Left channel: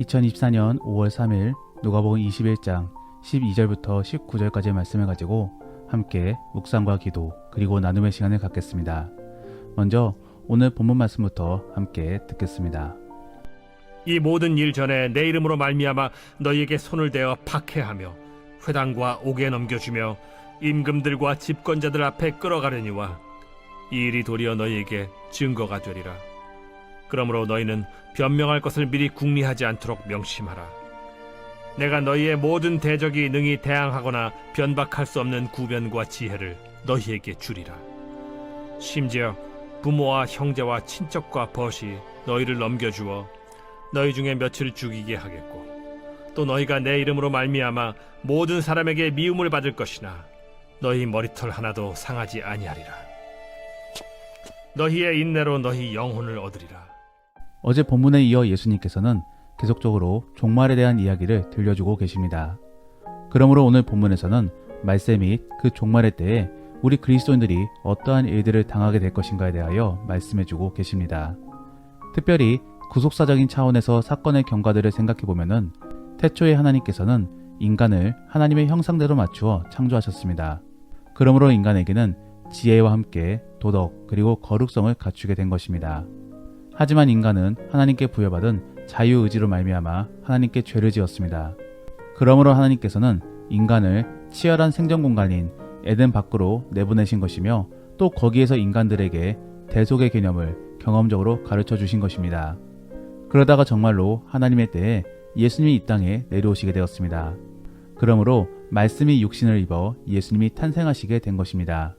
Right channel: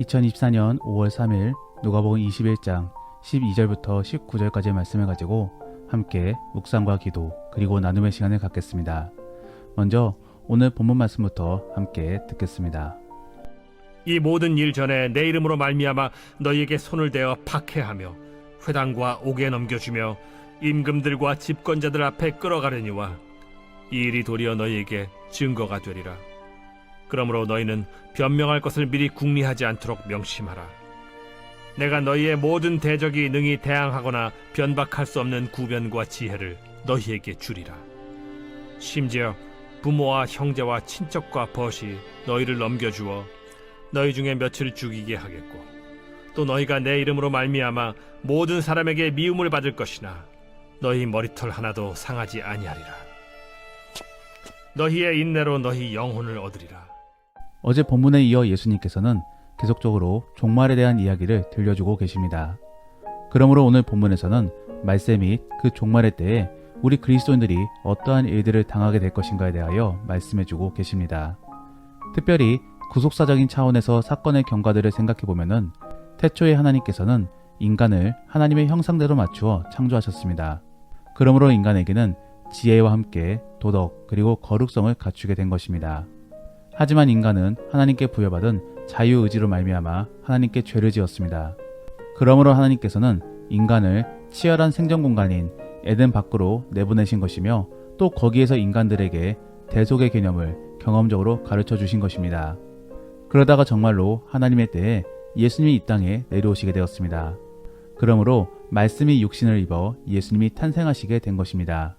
2024년 5월 3일 누가복음 21장 12절부터 19절까지의 말씀을 가지고 함께 묵상과 기도 그리고 나눔의 시간을 갖겠습니다. 먼저 오늘 본문 말씀부터 함께 듣겠습니다. 이 모든 일 전에 내 이름으로 말미암아 너희에게 손을 대어 박해하며 회당과 옥에 넘겨주며 임금들과 집권자들 앞에 끌어가려니와 이 일이 도리어 너희에게 증거가 되리라. 그러므로 너희는 변명할 것을 미리 궁리하지 않도록 명심하라. 내가 너희의 모든 대적이 능히 대항하거나 변박할 수 없는 구변과 지혜를 너희에게 주리라. 심지어 부모와 형제와 친척과 벗이 너희를 넘겨주어 너희 중에 며칠 죽이게 하겠고 또 너희가 내 이름으로 말미암아 모든 사람에게 미움을 받을 것이나 너희 머리털 하나도 상하지 아니하리라. 너희의 인내로 너희 영혼을 얻으리라. 어제 본문에 이어 예수님께서는 계속적으로 종말에 대한 이야기를 들려주고 계십니다. 그러므로 오늘 본문에서는 말세 및 그 종말의 때에 우리 그리스도인들이 어떠한 일들을 당하게 될 것인가에 대하여 말씀해주고 계십니다. 특별히 구속사적인 차원에서 사건의 경과들을 생각해보면 태초에 하나님께서는 인간을 하나님의 형상대로 맞추어 창조하셨습니다. 그러므로 인간에게는 지혜와 함께 도덕 그리고 거룩성을 갖추게 된 것입니다. 하지만 인간은 하나님께 부여받은 자유의지로 말미암아 하나님께 죄를 지었습니다. 그러므로 하나님께서는 인간을 치열한 생존 공간인 에덴 밖으로 내보내신 것이며 또 거기에서 인간들에게 대속의 개념을 경험적으로 가르쳐 주신 것입니다. 그러다가 정말로 하나님의 때에 예수님이 이 땅에 내려오시게 되었습니다. 그러므로 말씀이 육신을 입어 예수님이 탄생하시게 된 것입니다.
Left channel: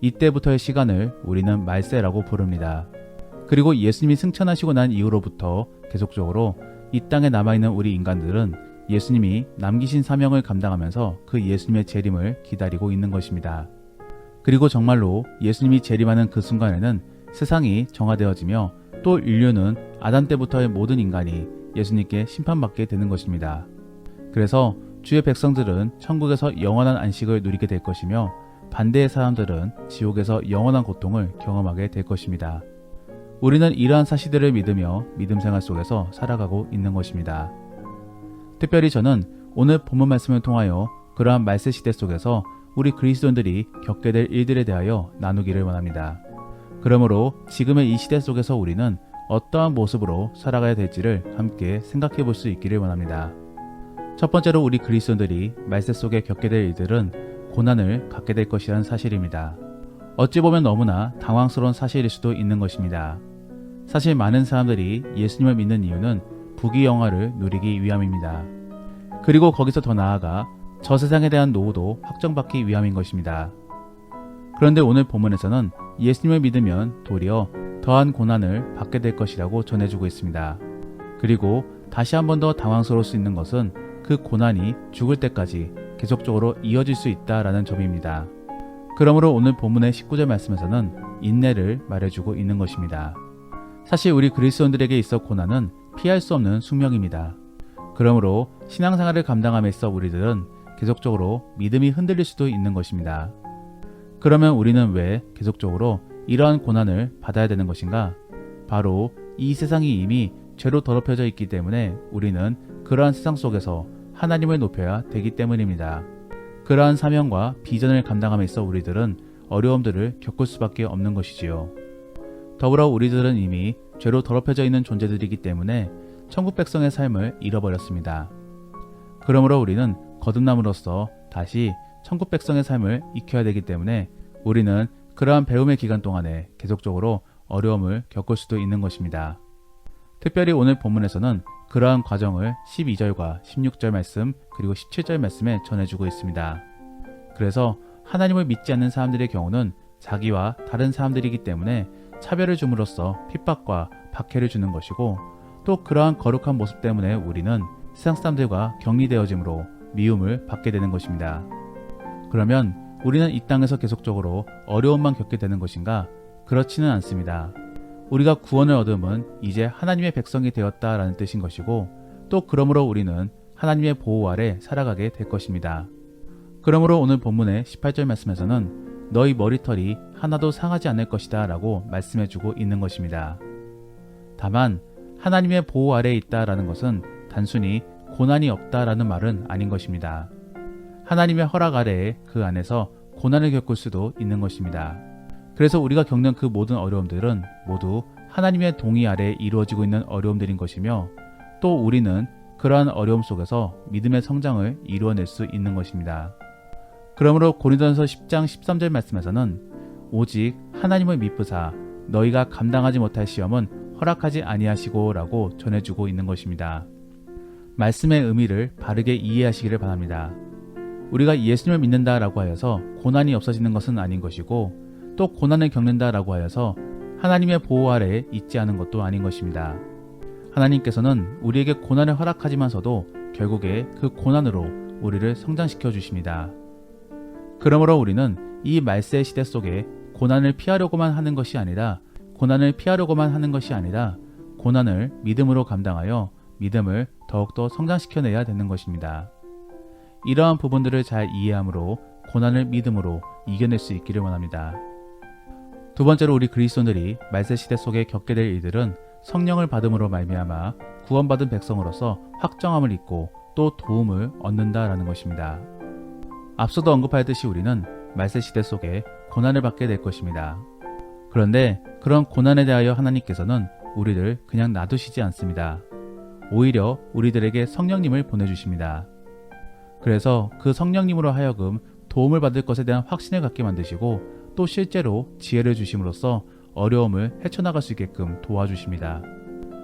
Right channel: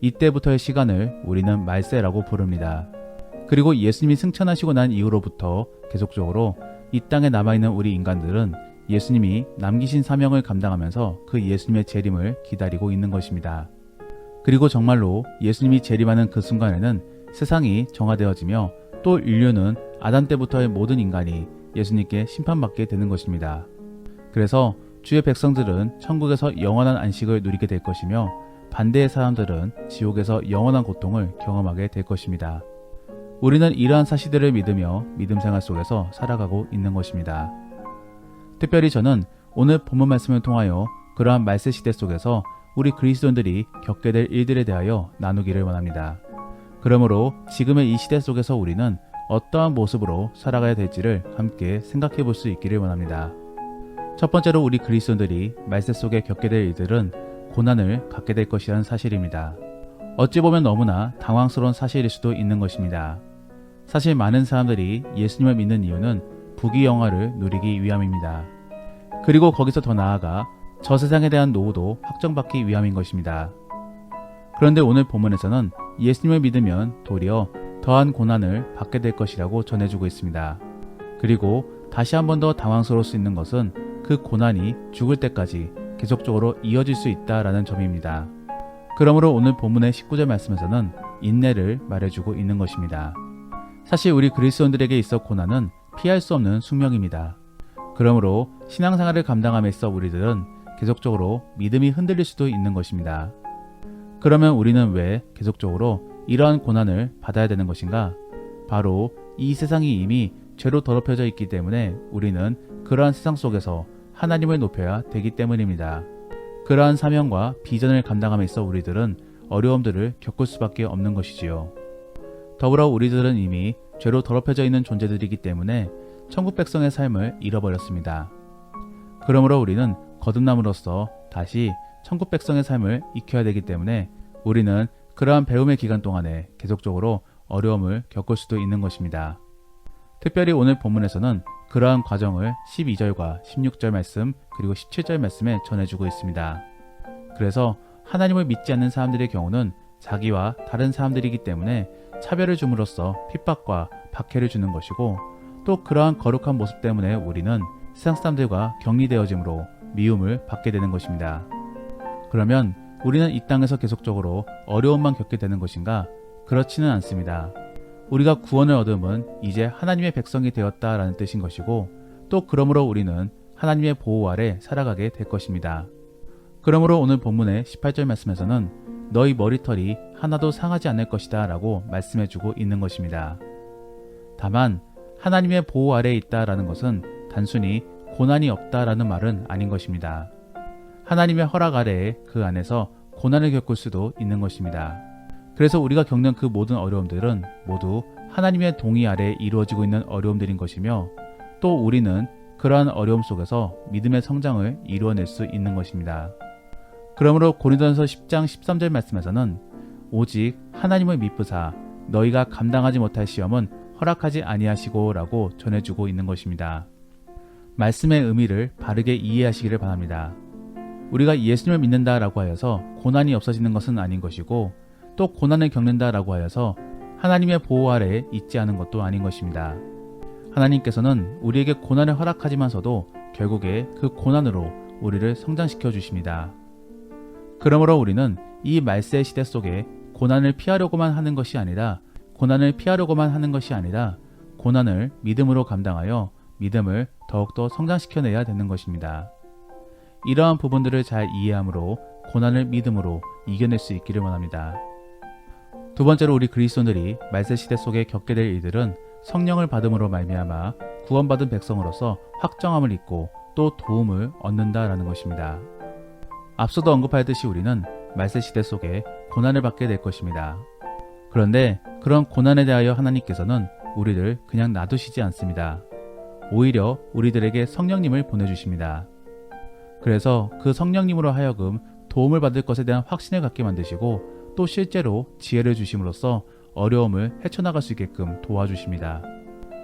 이때부터의 시간을 우리는 말세라고 부릅니다. 그리고 예수님이 승천하시고 난 이후로부터 계속적으로 이 땅에 남아있는 우리 인간들은 예수님이 남기신 사명을 감당하면서 그 예수님의 재림을 기다리고 있는 것입니다. 그리고 정말로 예수님이 재림하는 그 순간에는 세상이 정화되어지며 또 인류는 아담 때부터의 모든 인간이 예수님께 심판받게 되는 것입니다. 그래서 주의 백성들은 천국에서 영원한 안식을 누리게 될 것이며 반대의 사람들은 지옥에서 영원한 고통을 경험하게 될 것입니다. 우리는 이러한 사실들을 믿으며 믿음 생활 속에서 살아가고 있는 것입니다. 특별히 저는 오늘 본문 말씀을 통하여 그러한 말세 시대 속에서 우리 그리스도인들이 겪게 될 일들에 대하여 나누기를 원합니다. 그러므로 지금의 이 시대 속에서 우리는 어떠한 모습으로 살아가야 될지를 함께 생각해 볼 수 있기를 원합니다. 첫 번째로 우리 그리스도인들이 말세 속에 겪게 될 일들은 고난을 갖게 될 것이라는 사실입니다. 어찌 보면 너무나 당황스러운 사실일 수도 있는 것입니다. 사실 많은 사람들이 예수님을 믿는 이유는 부귀영화를 누리기 위함입니다. 그리고 거기서 더 나아가 저 세상에 대한 노후도 확정받기 위함인 것입니다. 그런데 오늘 본문에서는 예수님을 믿으면 도리어 더한 고난을 받게 될 것이라고 전해주고 있습니다. 그리고 다시 한 번 더 당황스러울 수 있는 것은 그 고난이 죽을 때까지 계속적으로 이어질 수 있다라는 점입니다. 그러므로 오늘 본문의 19절 말씀에서는 인내를 말해주고 있는 것입니다. 사실 우리 그리스도인들에게 있어 고난은 피할 수 없는 숙명입니다. 그러므로 신앙생활을 감당함에 있어 우리들은 계속적으로 믿음이 흔들릴 수도 있는 것입니다. 그러면 우리는 왜 계속적으로 이러한 고난을 받아야 되는 것인가? 바로 이 세상이 이미 죄로 더럽혀져 있기 때문에 우리는 그러한 세상 속에서 하나님을 높여야 되기 때문입니다. 그러한 사명과 비전을 감당함에 있어 우리들은 어려움들을 겪을 수밖에 없는 것이지요. 더불어 우리들은 이미 죄로 더럽혀져 있는 존재들이기 때문에 천국 백성의 삶을 잃어버렸습니다. 그러므로 우리는 거듭남으로써 다시 천국 백성의 삶을 익혀야 되기 때문에 우리는 그러한 배움의 기간 동안에 계속적으로 어려움을 겪을 수도 있는 것입니다. 특별히 오늘 본문에서는 그러한 과정을 12절과 16절 말씀 그리고 17절 말씀에 전해주고 있습니다. 그래서 하나님을 믿지 않는 사람들의 경우는 자기와 다른 사람들이기 때문에 차별을 줌으로써 핍박과 박해를 주는 것이고 또 그러한 거룩한 모습 때문에 우리는 세상 사람들과 격리되어짐으로 미움을 받게 되는 것입니다. 그러면 우리는 이 땅에서 계속적으로 어려움만 겪게 되는 것인가? 그렇지는 않습니다. 우리가 구원을 얻음은 이제 하나님의 백성이 되었다라는 뜻인 것이고 또 그러므로 우리는 하나님의 보호 아래 살아가게 될 것입니다. 그러므로 오늘 본문의 18절 말씀에서는 너희 머리털이 하나도 상하지 않을 것이다 라고 말씀해주고 있는 것입니다. 다만 하나님의 보호 아래에 있다라는 것은 단순히 고난이 없다라는 말은 아닌 것입니다. 하나님의 허락 아래에 그 안에서 고난을 겪을 수도 있는 것입니다. 그래서 우리가 겪는 그 모든 어려움들은 모두 하나님의 동의 아래에 이루어지고 있는 어려움들인 것이며, 또 우리는 그러한 어려움 속에서 믿음의 성장을 이루어낼 수 있는 것입니다. 그러므로 고린도전서 10장 13절 말씀에서는 오직 하나님을 미쁘사 너희가 감당하지 못할 시험은 허락하지 아니하시고 라고 전해주고 있는 것입니다. 말씀의 의미를 바르게 이해하시기를 바랍니다. 우리가 예수님을 믿는다라고 하여서 고난이 없어지는 것은 아닌 것이고, 또 고난을 겪는다라고 하여서 하나님의 보호 아래에 있지 않은 것도 아닌 것입니다. 하나님께서는 우리에게 고난을 허락하지만서도 결국에 그 고난으로 우리를 성장시켜 주십니다. 그러므로 우리는 이 말세의 시대 속에 고난을 피하려고만 하는 것이 아니라 고난을 믿음으로 감당하여 믿음을 더욱더 성장시켜내야 되는 것입니다. 이러한 부분들을 잘 이해함으로 고난을 믿음으로 이겨낼 수 있기를 원합니다. 두 번째로 우리 그리스도인들이 말세 시대 속에 겪게 될 일들은 성령을 받음으로 말미암아 구원받은 백성으로서 확정함을 입고 또 도움을 얻는다라는 것입니다. 앞서도 언급하였듯이 우리는 말세 시대 속에 고난을 받게 될 것입니다. 그런데 그런 고난에 대하여 하나님께서는 우리를 그냥 놔두시지 않습니다. 오히려 우리들에게 성령님을 보내주십니다. 그래서 그 성령님으로 하여금 도움을 받을 것에 대한 확신을 갖게 만드시고, 또 실제로 지혜를 주심으로써 어려움을 헤쳐나갈 수 있게끔 도와주십니다.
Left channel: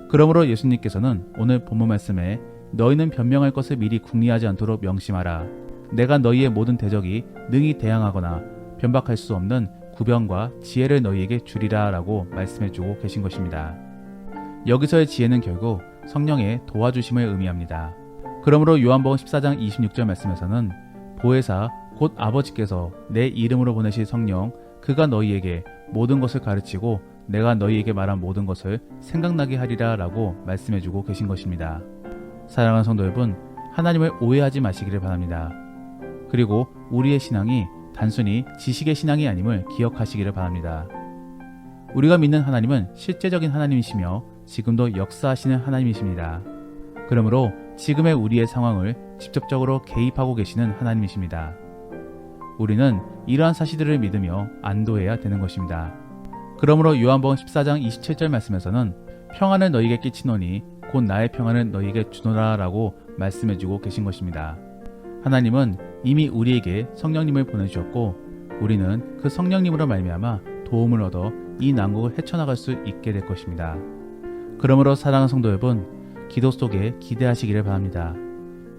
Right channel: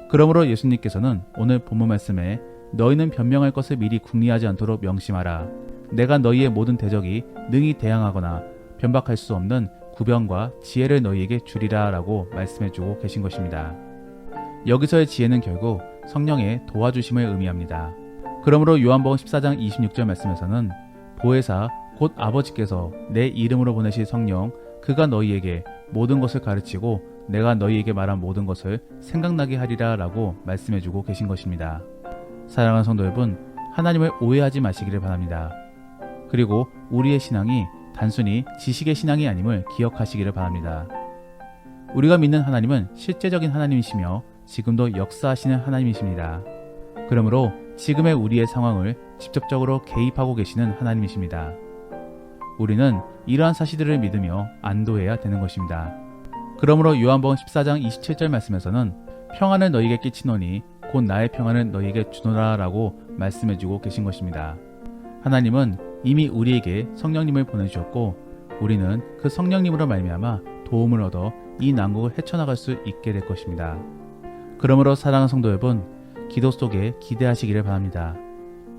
그러므로 예수님께서는 오늘 본문 말씀에 너희는 변명할 것을 미리 궁리하지 않도록 명심하라. 내가 너희의 모든 대적이 능히 대항하거나 변박할 수 없는 구변과 지혜를 너희에게 주리라 라고 말씀해주고 계신 것입니다. 여기서의 지혜는 결국 성령의 도와주심을 의미합니다. 그러므로 요한복음 14장 26절 말씀에서는 보혜사 곧 아버지께서 내 이름으로 보내실 성령 그가 너희에게 모든 것을 가르치고 내가 너희에게 말한 모든 것을 생각나게 하리라 라고 말씀해주고 계신 것입니다. 사랑하는 성도 여러분, 하나님을 오해하지 마시기를 바랍니다. 그리고 우리의 신앙이 단순히 지식의 신앙이 아님을 기억하시기를 바랍니다. 우리가 믿는 하나님은 실제적인 하나님이시며 지금도 역사하시는 하나님이십니다. 그러므로 지금의 우리의 상황을 직접적으로 개입하고 계시는 하나님이십니다. 우리는 이러한 사실들을 믿으며 안도해야 되는 것입니다. 그러므로 요한복음 14장 27절 말씀에서는 평안을 너희에게 끼치노니 곧 나의 평안을 너희에게 주노라 라고 말씀해주고 계신 것입니다. 하나님은 이미 우리에게 성령님을 보내주셨고, 우리는 그 성령님으로 말미암아 도움을 얻어 이 난국을 헤쳐나갈 수 있게 될 것입니다. 그러므로 사랑하는 성도 여러분, 기도 속에 기대하시기를 바랍니다.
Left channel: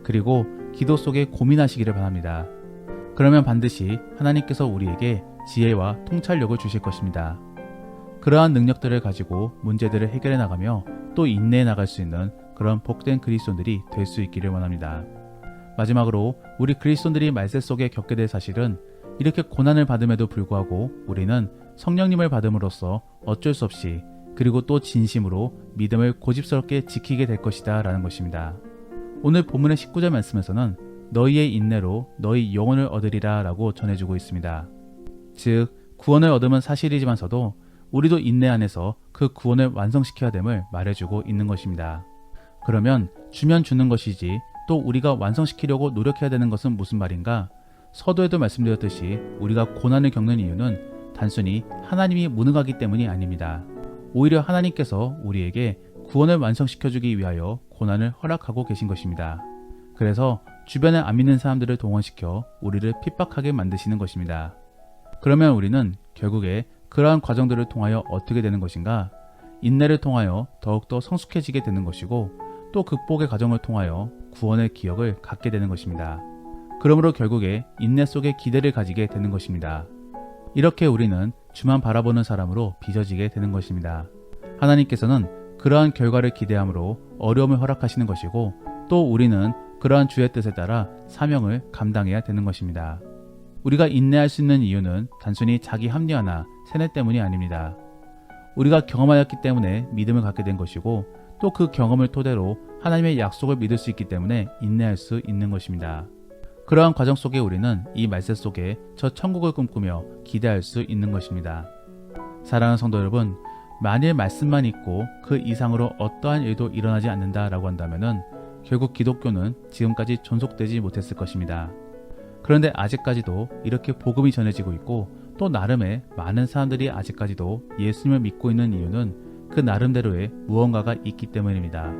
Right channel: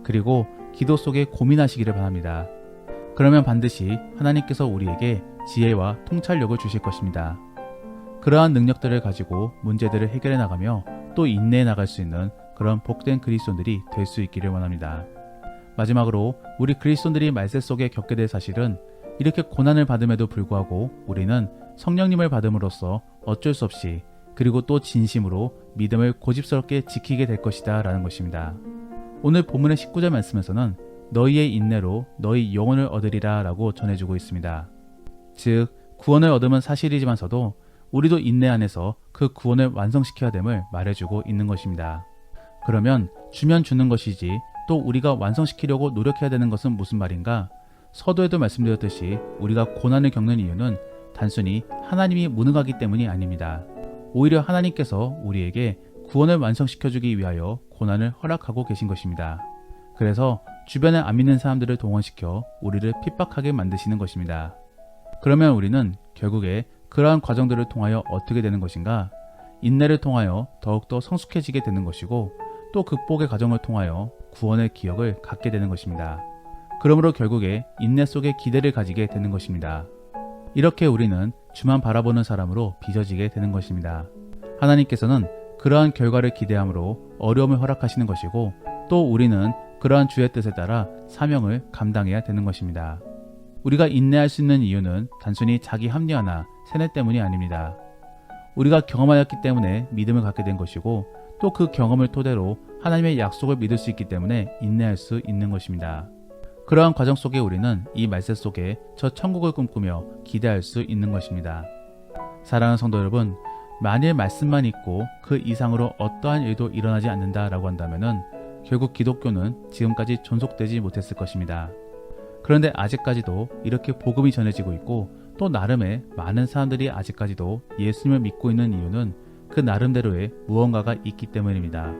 그리고 기도 속에 고민하시기를 바랍니다. 그러면 반드시 하나님께서 우리에게 지혜와 통찰력을 주실 것입니다. 그러한 능력들을 가지고 문제들을 해결해 나가며 또 인내해 나갈 수 있는 그런 복된 그리스도인들이 될 수 있기를 원합니다. 마지막으로 우리 그리스도인들이 말세 속에 겪게 될 사실은 이렇게 고난을 받음에도 불구하고 우리는 성령님을 받음으로써 어쩔 수 없이 그리고 또 진심으로 믿음을 고집스럽게 지키게 될 것이다 라는 것입니다. 오늘 본문의 19절 말씀에서는 너희의 인내로 너희 영혼을 얻으리라 라고 전해주고 있습니다. 즉 구원을 얻음은 사실이지만서도 우리도 인내 안에서 그 구원을 완성시켜야 됨을 말해주고 있는 것입니다. 그러면 주면 주는 것이지 또 우리가 완성시키려고 노력해야 되는 것은 무슨 말인가? 서두에도 말씀드렸듯이 우리가 고난을 겪는 이유는 단순히 하나님이 무능하기 때문이 아닙니다. 오히려 하나님께서 우리에게 구원을 완성시켜주기 위하여 고난을 허락하고 계신 것입니다. 그래서 주변에 안 믿는 사람들을 동원시켜 우리를 핍박하게 만드시는 것입니다. 그러면 우리는 결국에 그러한 과정들을 통하여 어떻게 되는 것인가? 인내를 통하여 더욱더 성숙해지게 되는 것이고, 또 극복의 과정을 통하여 구원의 기억을 갖게 되는 것입니다. 그러므로 결국에 인내 속에 기대를 가지게 되는 것입니다. 이렇게 우리는 주만 바라보는 사람으로 빚어지게 되는 것입니다. 하나님께서는 그러한 결과를 기대함으로 어려움을 허락하시는 것이고, 또 우리는 그러한 주의 뜻에 따라 사명을 감당해야 되는 것입니다. 우리가 인내할 수 있는 이유는 단순히 자기 합리화나 세뇌 때문이 아닙니다. 우리가 경험하였기 때문에 믿음을 갖게 된 것이고, 또 그 경험을 토대로 하나님의 약속을 믿을 수 있기 때문에 인내할 수 있는 것입니다. 그러한 과정 속에 우리는 이 말세 속에 저 천국을 꿈꾸며 기대할 수 있는 것입니다. 사랑하는 성도 여러분, 만일 말씀만 있고 그 이상으로 어떠한 일도 일어나지 않는다라고 한다면은 결국 기독교는 지금까지 존속되지 못했을 것입니다. 그런데 아직까지도 이렇게 복음이 전해지고 있고 또 나름의 많은 사람들이 아직까지도 예수님을 믿고 있는 이유는 그 나름대로의 무언가가 있기 때문입니다.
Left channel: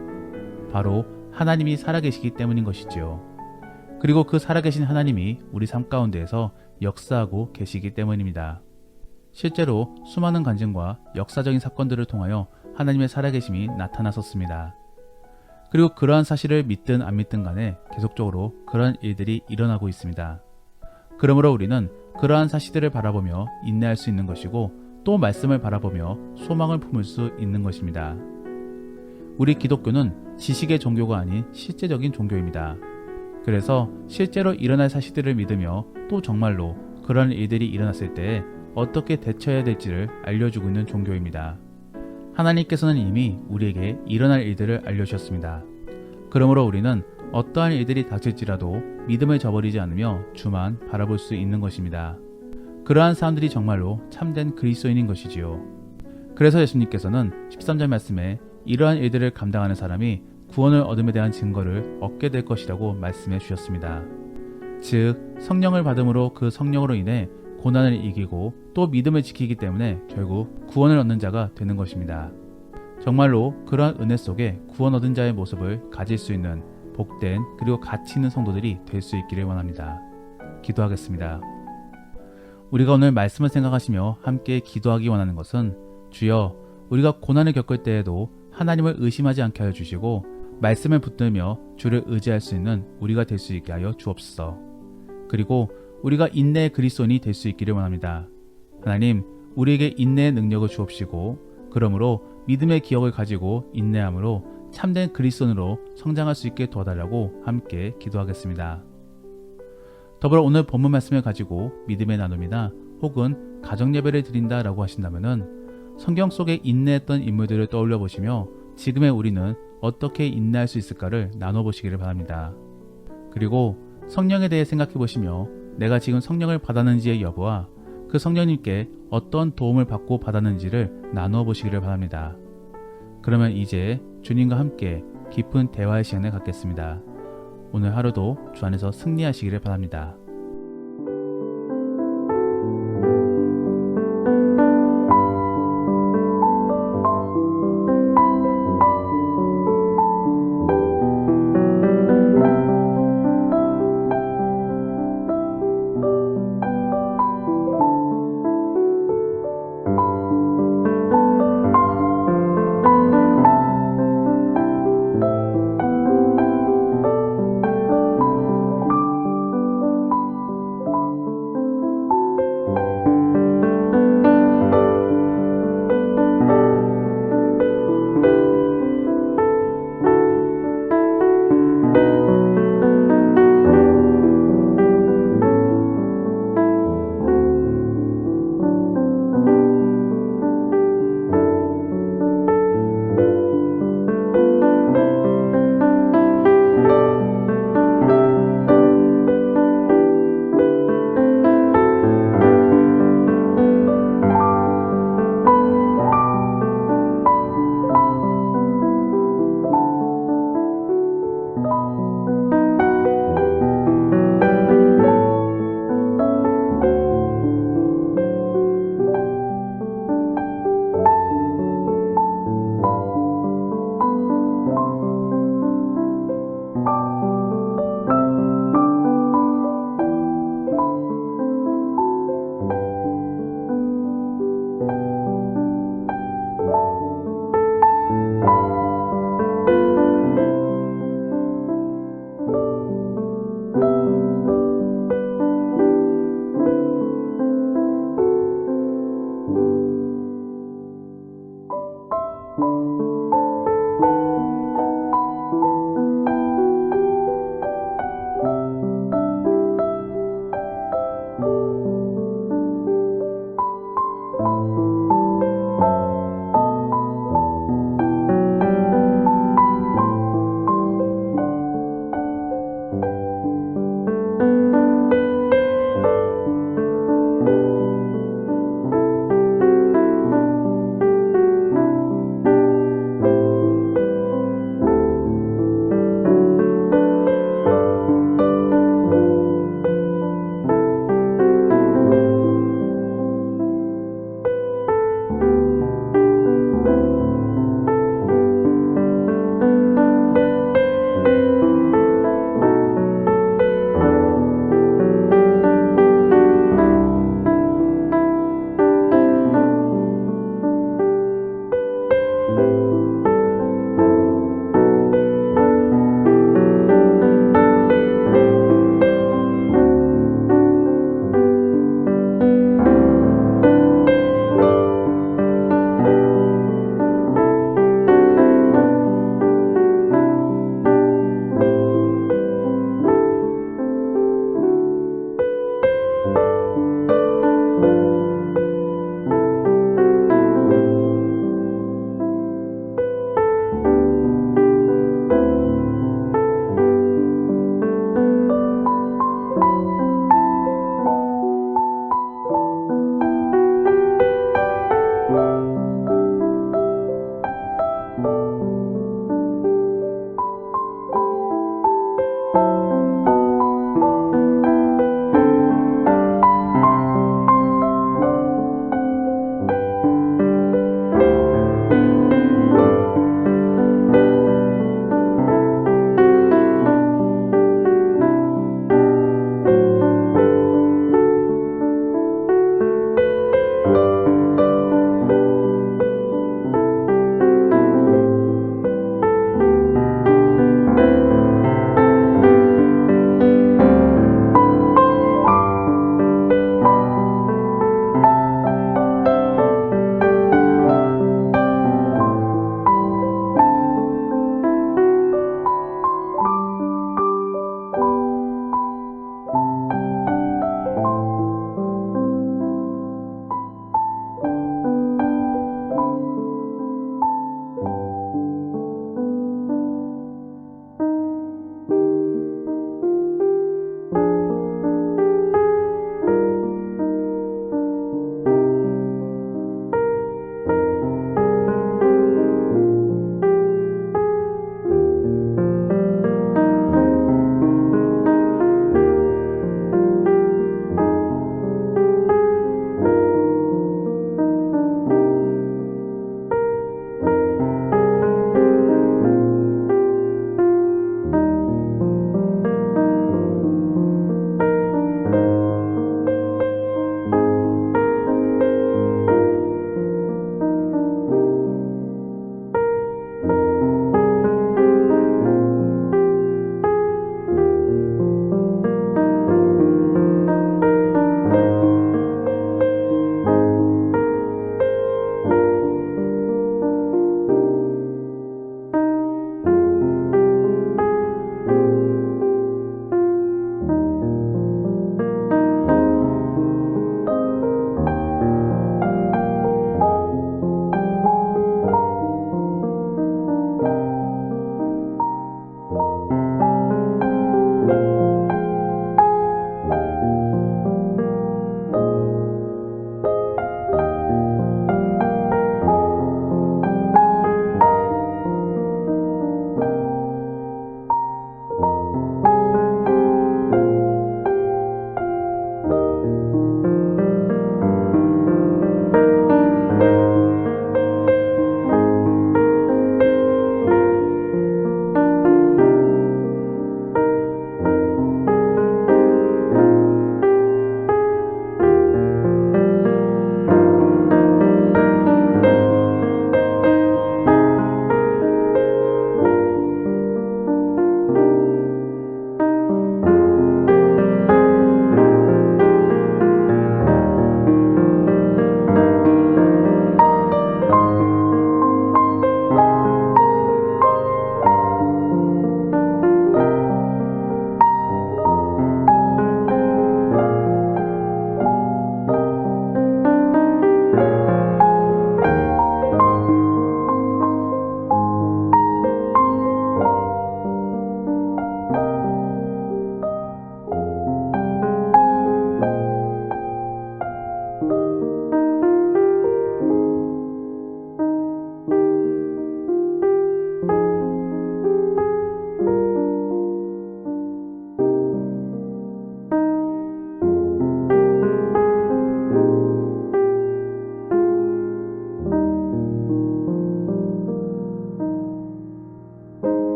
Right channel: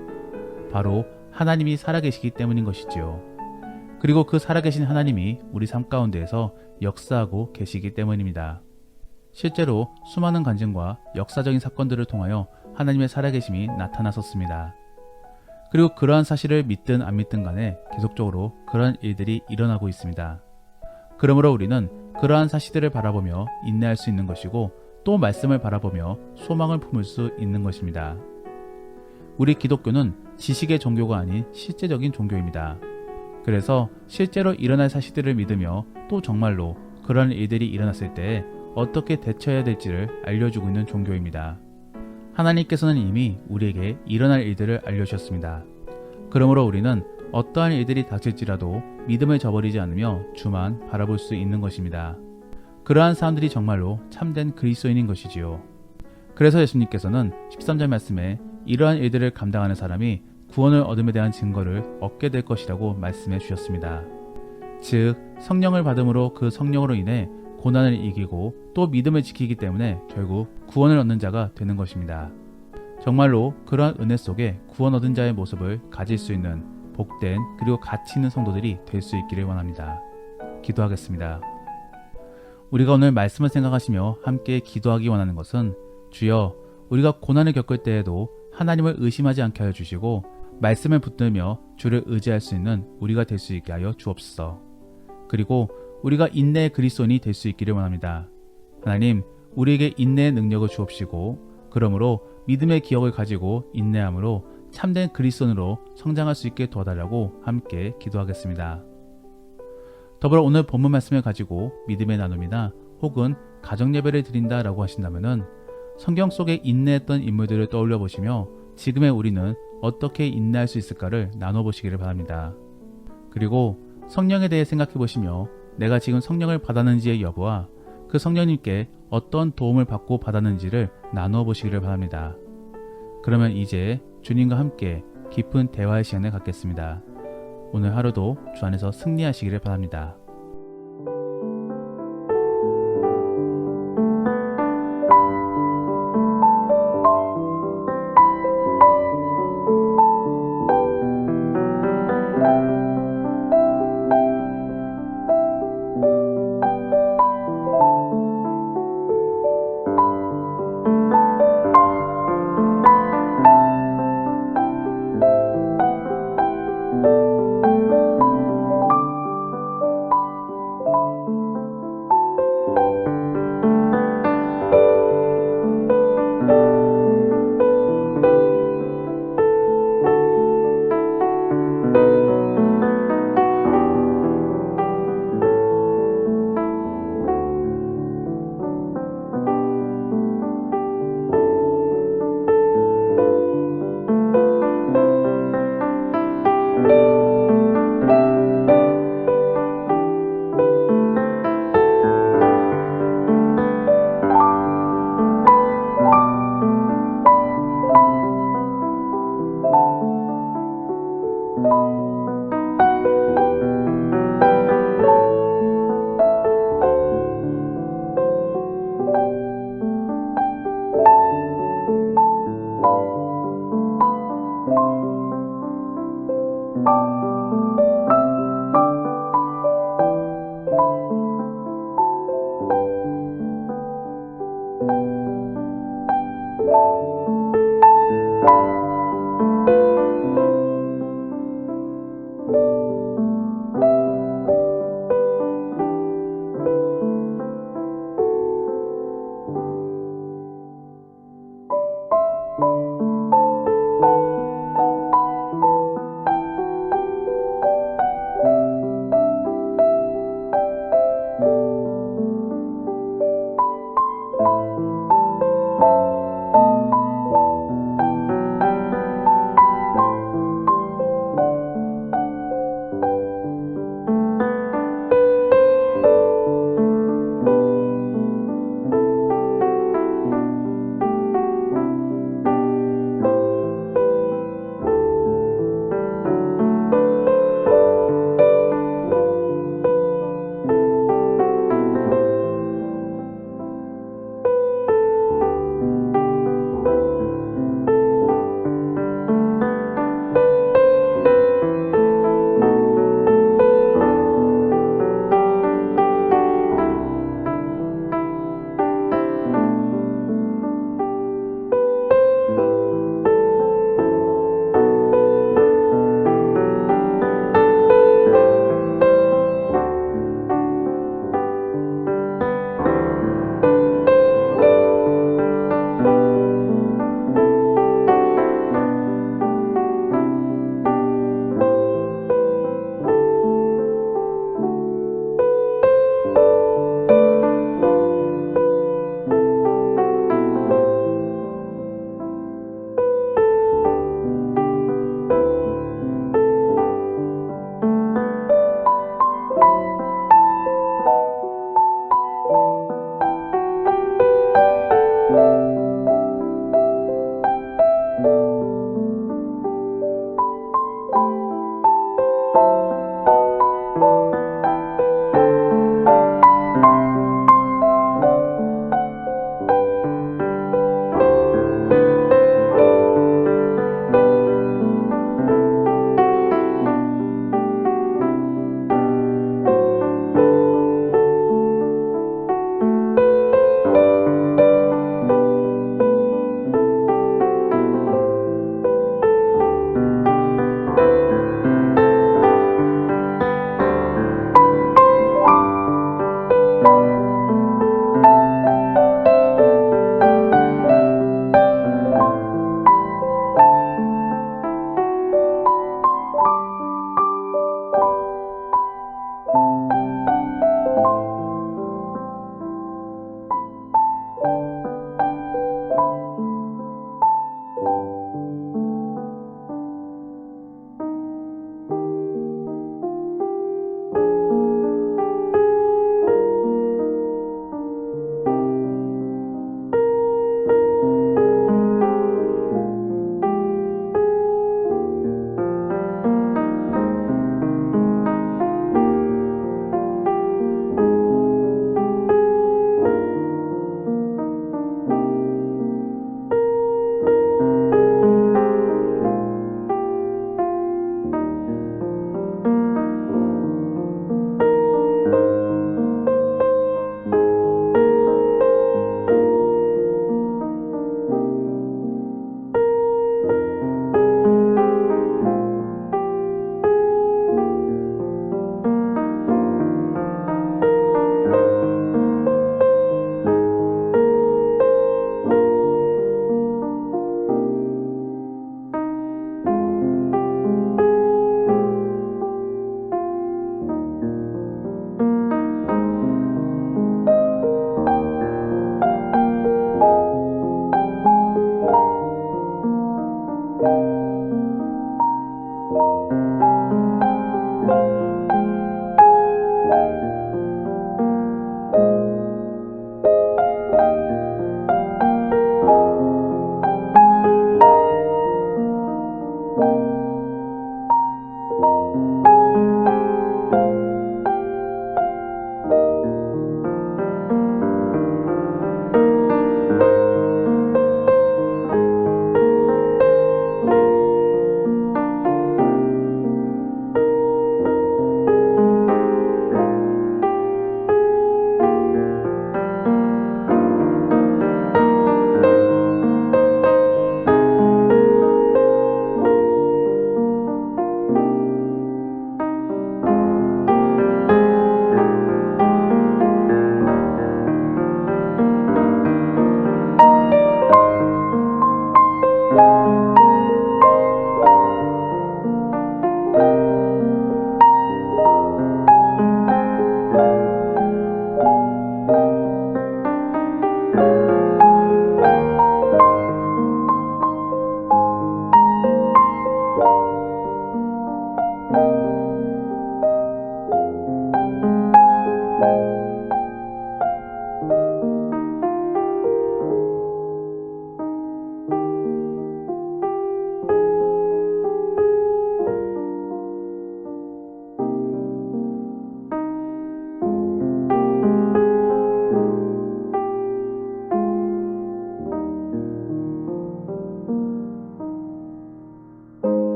바로 하나님이 살아계시기 때문인 것이지요. 그리고 그 살아계신 하나님이 우리 삶 가운데에서 역사하고 계시기 때문입니다. 실제로 수많은 간증과 역사적인 사건들을 통하여 하나님의 살아계심이 나타났었습니다. 그리고 그러한 사실을 믿든 안 믿든 간에 계속적으로 그러한 일들이 일어나고 있습니다. 그러므로 우리는 그러한 사실들을 바라보며 인내할 수 있는 것이고 또 말씀을 바라보며 소망을 품을 수 있는 것입니다. 우리 기독교는 지식의 종교가 아닌 실제적인 종교입니다. 그래서 실제로 일어날 사실들을 믿으며 또 정말로 그러한 일들이 일어났을 때 어떻게 대처해야 될지를 알려주고 있는 종교입니다. 하나님께서는 이미 우리에게 일어날 일들을 알려주셨습니다. 그러므로 우리는 어떠한 일들이 닥칠지라도 믿음을 저버리지 않으며 주만 바라볼 수 있는 것입니다. 그러한 사람들이 정말로 참된 그리스도인인 것이지요. 그래서 예수님께서는 13절 말씀에 이러한 일들을 감당하는 사람이 구원을 얻음에 대한 증거를 얻게 될 것이라고 말씀해 주셨습니다. 즉 성령을 받음으로 그 성령으로 인해 고난을 이기고 또 믿음을 지키기 때문에 결국 구원을 얻는 자가 되는 것입니다. 정말로 그러한 은혜 속에 구원 얻은 자의 모습을 가질 수 있는 복된 그리고 가치 있는 성도들이 될 수 있기를 원합니다. 기도하겠습니다. 우리가 오늘 말씀을 생각하시며 함께 기도하기 원하는 것은 주여 우리가 고난을 겪을 때에도 하나님을 의심하지 않게 하여 주시고 말씀을 붙들며 주를 의지할 수 있는 우리가 될 수 있게 하여 주옵소서. 그리고 우리가 인내의 그리스도인이 될 수 있기를 원합니다. 하나님, 우리에게 인내의 능력을 주옵시고 그러므로 믿음의 기억을 가지고 인내함으로 참된 그리스도인으로 성장할 수 있게 도와달라고 함께 기도하겠습니다. 더불어 오늘 본문 말씀을 가지고 믿음의 나눔이나 혹은 가정예배를 드린다라고 하신다면 성경 속에 인내했던 인물들을 떠올려 보시며 지금의 우리는 어떻게 인내할 수 있을까를 나눠보시기를 바랍니다. 그리고 성령에 대해 생각해 보시며 내가 지금 성령을 받았는지의 여부와 그 성령님께 어떤 도움을 받고 받았는지를 나누어 보시기를 바랍니다. 그러면 이제 주님과 함께 깊은 대화의 시간을 갖겠습니다. 오늘 하루도 주 안에서 승리하시기를 바랍니다.